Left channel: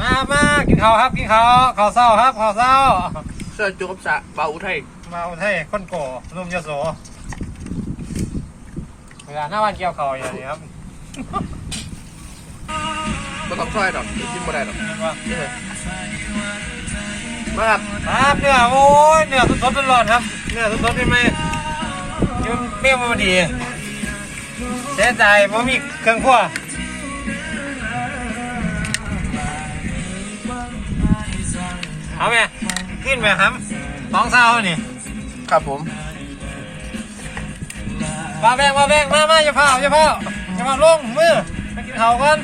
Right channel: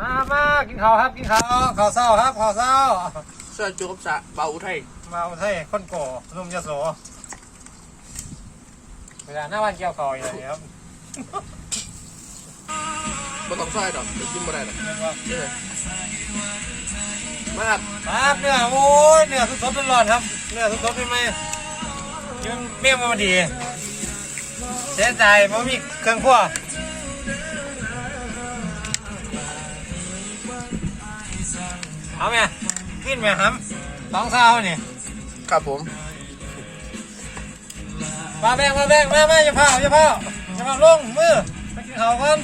มามากินข้าวครับกินข้าวข้าวเศร้าครับข้าวเศร้าเสื้อจุกกับสะเบาอุทัยมาอุทัยคนโก่นุ่มยโสเวลาหน้าวันเกี่ยวข้าวอย่างนี้ครับบ่ต้องซอยดอกกินบ่ได้ดอกเรียกว่าเออมาครับครับเนื้อโอ้ยเนื้อสดๆร้อนๆครับเนื้อสดๆเป็นไหมยืมเมี่ยงมาดีเสียใจเพราะมีเครื่องครัว เอาไหมขึ้นไหมครับสองเท้านี่ครับผมมาแบงมาแบงมามาอย่าเผาอย่าเผาอย่าเผาลงมือมากินข้าวก่อน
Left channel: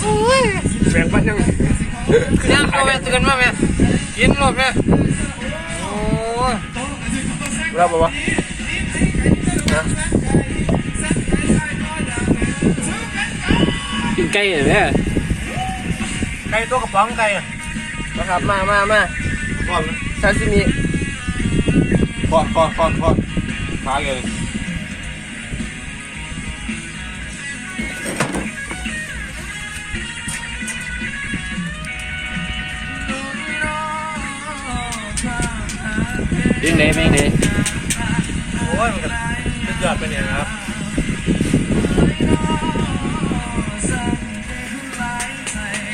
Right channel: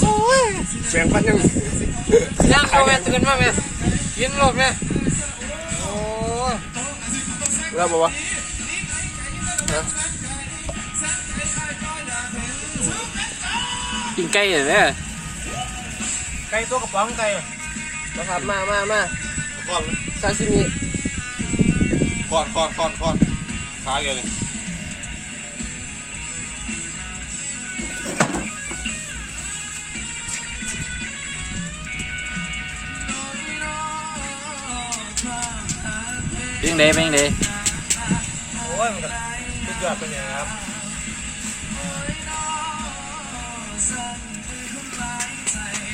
โอ้ยแบ่งปันยังย่างเข้าแม่ตื่นมาแม่กินหลบแม่โอ้ย เราบอกว่านะกินไก่เหรอเนี่ยไก่ตัวกระป๋องไก่อะมาครับมามามาก่อนซาซิมิก่อนก่อนก่อนก่อนขาเลย เพียงเดเป็นยังไงโอ้ยมันก็สุดยอดเป็นอย่างไรครับ